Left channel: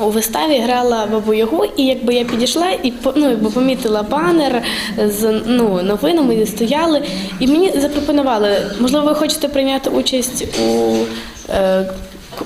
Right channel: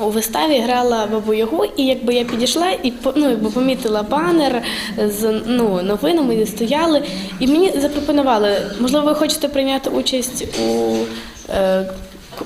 У виставі грала бабу Ягу, і якби я підійшла і ну, якби помітила банер з ну, новинами, стояли, і мені запропонували, можливо, ви хочете прийняти участь у е,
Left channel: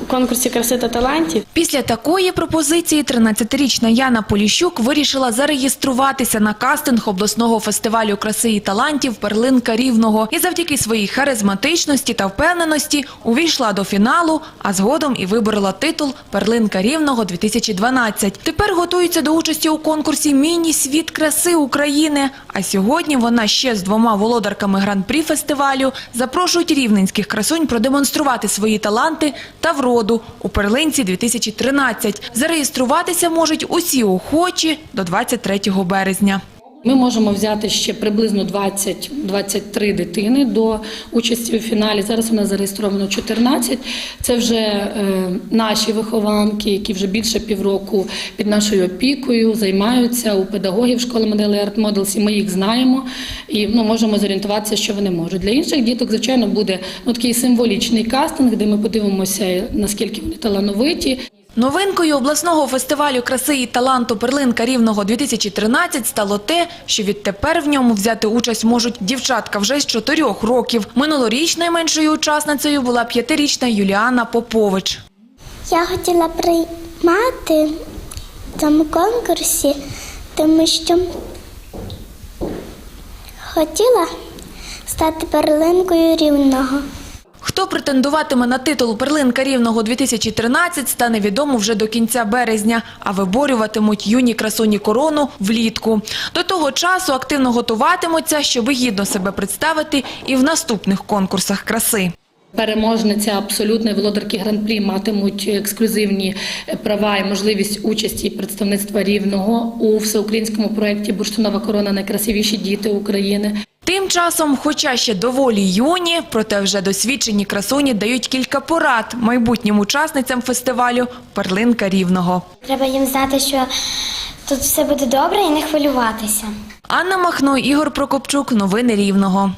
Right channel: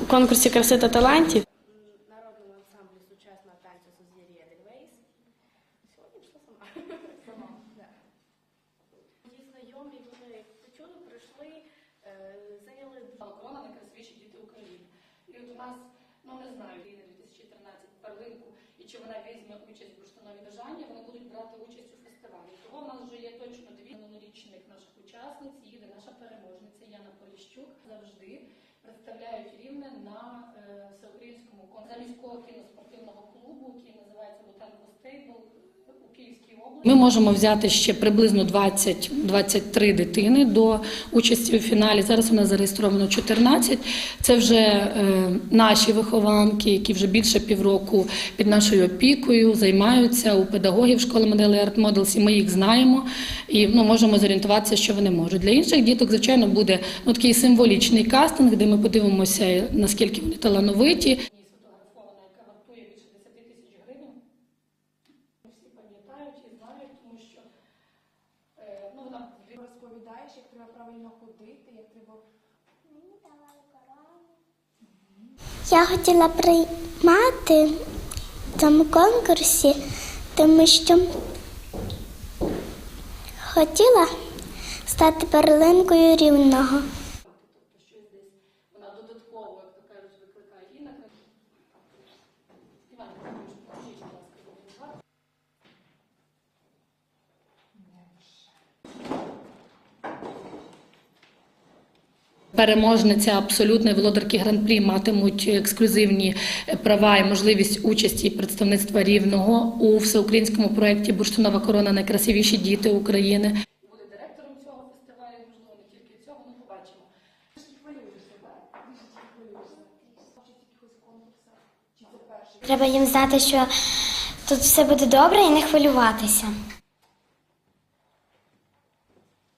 конкурсі краси та талантів. Після такої пропозиції 13-річна Яна Поліщук вирішила зареєструватися на кастинг обласного фестивалю краси і талантів «Перлинка Рівного» і завдяки своїй харизматичності та впевненості увійшла до фіналу, а згодом і виборола титул «Перлинка Рівного-2012». Тепер готується до участі у конкурсі «Міні-світ краси України», а сьогодні вона ще з двома володарками гран-прі фестивалю запрошують рівненських красунь продемонструвати свої таланти та вроду у перлинці 2013. Зареєструватися можуть усі охочі до 23 березня. Ми можемо взяти ще приблизно 20-23 дитини до участі у фіналі. Зараз у нас зареєстровано 14. Це вже е, наші вихованки, які вже більше півроку під нашою опікою займаються у педагогів школи моделі Art Models, і ми їх знаємо і ну, можемо зорієнтуватися, що вони можуть. Для інших діток, звичайно, буде ну, такий символічний кастинг, де ми подивимося, наскільки вони талановиті. Новинкою обласного фестивалю краси і таланту «Перлинка Рівного 2013» стало те, що відтепер в ньому взяти участь можуть дівчатка вже з чотирьох років. Минулоріч найменшою учасницею була п'ятирічна Юліана Попович. Я хотіла приймати в цьому конкурсі, тому що хотіла стати перлинкою рівного. Хто претендуватиме на титул «Перлинка Рівного 2013» стане відомо вже до кінця березня, а виборюватимуть юні красуні корону влітку. До того часу активно готуватимуться, щоб гідно себе представити і в наступних конкурсах краси. Переможниця абсолютної володарки гран-прі матимуть ексклюзивні права і можливість участі представництва рівного у всеукраїнському проєкті Бурштинова корона найкрасивіші діти України. Часом, хоча ще доволі юні, проте вже досвідчені красуні дають кілька порад майбутнім учасницям фестивалю «Перлинка Рівного». Треба їм знати, що тут все буде добре і не хвилюватися. Анна Махно, Ігор Прокопчук. Новини Рівного.